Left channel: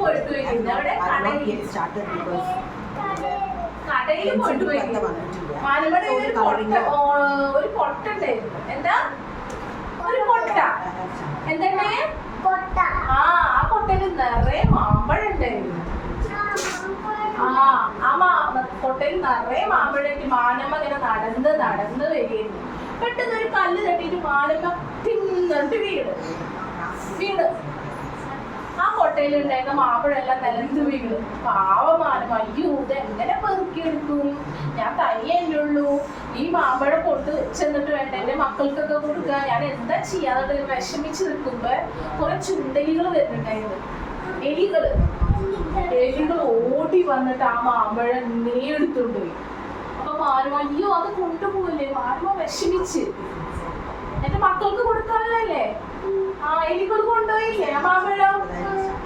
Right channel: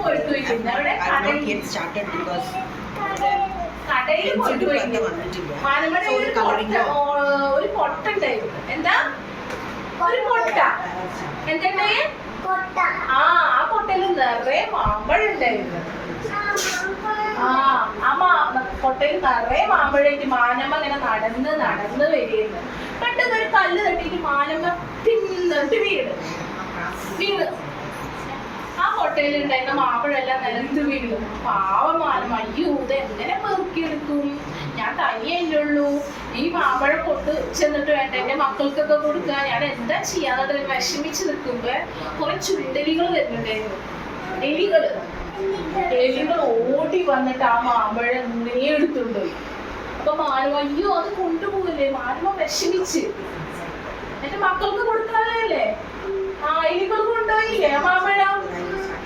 പോയിട്ട് വയ്ക്കുന്നത് അവിടെ കടയിൽ പോയിട്ട് വയ്ക്കുന്നത് മാനമയുടെ ഒരു പൊട്ട ഉണ്ടായിരുന്നു. എന്താ ഒരു പൊട്ട എന്തുണ്ടേ ആ കൊട്ടയിൽ നിറയെ മാമ്പഴം ഉണ്ടായിരുന്നു. കൊട്ടയിൽ നിറയെ മാമ്പഴമായിട്ട് മാനമ്മ ഇങ്ങനെ നടന്ന് നടന്ന് വരികയായിരുന്നു. പെട്ടെന്ന് ഒരു കല്ല് തട്ടിയിട്ട് മാനമ്മ തിന്നിട്ട് വീണ് ആ കൊട്ടയിൽ ഉണ്ടായിരുന്ന മാമ്പഴെല്ലാം നിലത്ത് വീണു. പാവമാനമ്മ, അയ്യോ ഇത് എങ്ങനെ പെറുക്കിയെടുക്കും, ഞാൻ തനിയല്ലേ ഉള്ളൂ, ഈ മാമ്പഴം കൊണ്ട് ചെന്നിട്ട് വേണ്ട എന്റെ മക്കൾക്കൊക്കെ കൊടുക്കുക, ഞാൻ എന്താ ചെയ്യാതെ വിഷമിച്ച് നിൽക്കുമ്പോ കുറെ ചുണ്ടലികൾ വരുന്നുണ്ടായിരുന്നു. എലികൾ ഓടി വന്നിട്ട് ആ മാമ്പഴം ഇങ്ങനെ എടുത്തുകൊണ്ടുപോയി. അപ്പൊ മാനവ അയ്യോ അത് കൊണ്ടുപോകില്ലേ, മാനവ വിഷമിച്ച് എന്റെ മക്കൾക്ക് കൊടുക്കാനല്ലേ എലികൾ കൊണ്ടുപോയില്ലേ ആ മാമ്പഴം.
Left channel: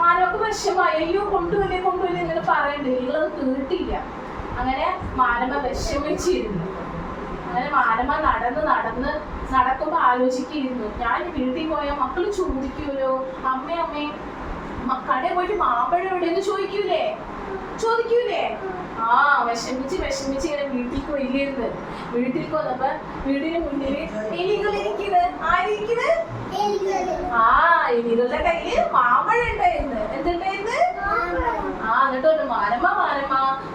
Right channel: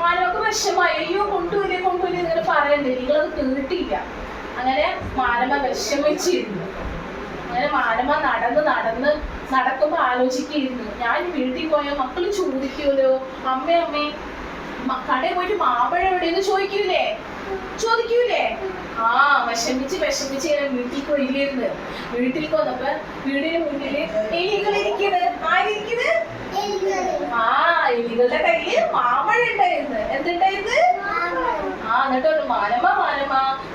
മാനവക്ക് വിഷമായി, അയ്യോ കൊണ്ടുപോയില്ലേ ഇങ്ങനെ പറയണ്ടേ, എലികൾ അത് കേട്ടില്ല. അങ്ങനെ മാനവ വിഷമിച്ചിരുന്നു. അങ്ങനെ മാനവ നടക്കുമ്പോ ആലോചിക്കുന്നു, ഞാൻ വീട്ടിൽ പോയാൽ മക്കള് ചോദിക്കൂലോ, അമ്മേ കടയിൽ പോയിട്ട് മാമ്പഴം എവിടെയെന്ന് ചോദിക്കൂലേ. വിഷമിച്ച് ഇങ്ങനെ വീട്ടിലേക്ക് വരികയായിരുന്നു. വീട്ടിലേക്ക് വന്നപ്പോ വീടിന് മുന്നില് എലികളിരിക്കുന്നത്. എലികളുടെ കയ്യില് മാമ്പഴം ഉണ്ടായിരുന്നു. എന്തുണ്ടായിരുന്നു? എന്നിട്ട്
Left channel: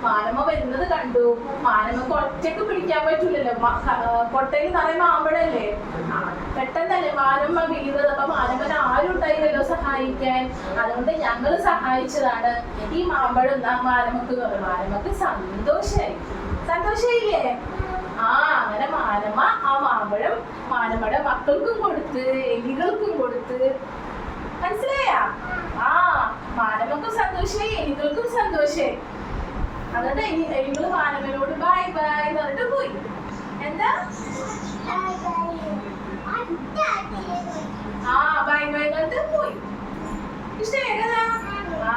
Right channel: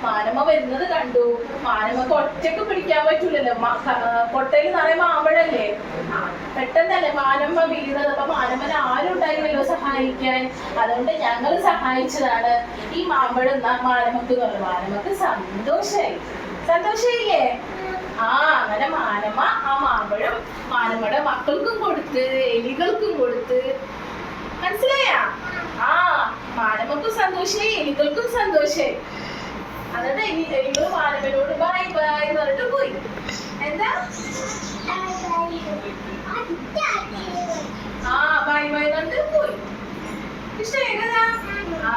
മാനമ്മ വരുന്നത് കണ്ടു. മാനമ്മക്ക് ഒറ്റക്ക് പിടിക്കാൻ പറ്റൂലല്ലോ, കൊട്ടയിൽ നിറയെ മാമ്പഴല്ലേ, പെട്ടെന്നല്ലേ മാനമ്മ വീഴുന്നത്. അപ്പൊ മാനമ്മനെ ആരും ഉണ്ടായില്ലല്ലോ സഹായിക്കാൻ, അതുകൊണ്ട് ഞങ്ങൾ സഹായിച്ചതാണ്. ഈ മാമ്പഴം മാനമ്മക്ക് മാനമ്മക്ക് സന്തോഷായില്ലേ. അങ്ങനെ മാനമ്മ ആ മാമ്പഴം മാനമ്മയുടെ മക്കൾക്കും കൊടുത്ത് എലികൾക്കും കൊടുത്ത്. മനസ്സിലായാ? മാനമ്മക്കും സന്തോഷായി, എലികൾക്കും സന്തോഷായി. എന്നിട്ട് എലികൾ മാനമ്മനോട് ബൈ എന്ന് പറഞ്ഞിട്ട് പോയി. എന്താ ബൈ എന്നിട്ട് പോയി. ഇഷ്ടമായി കഥ?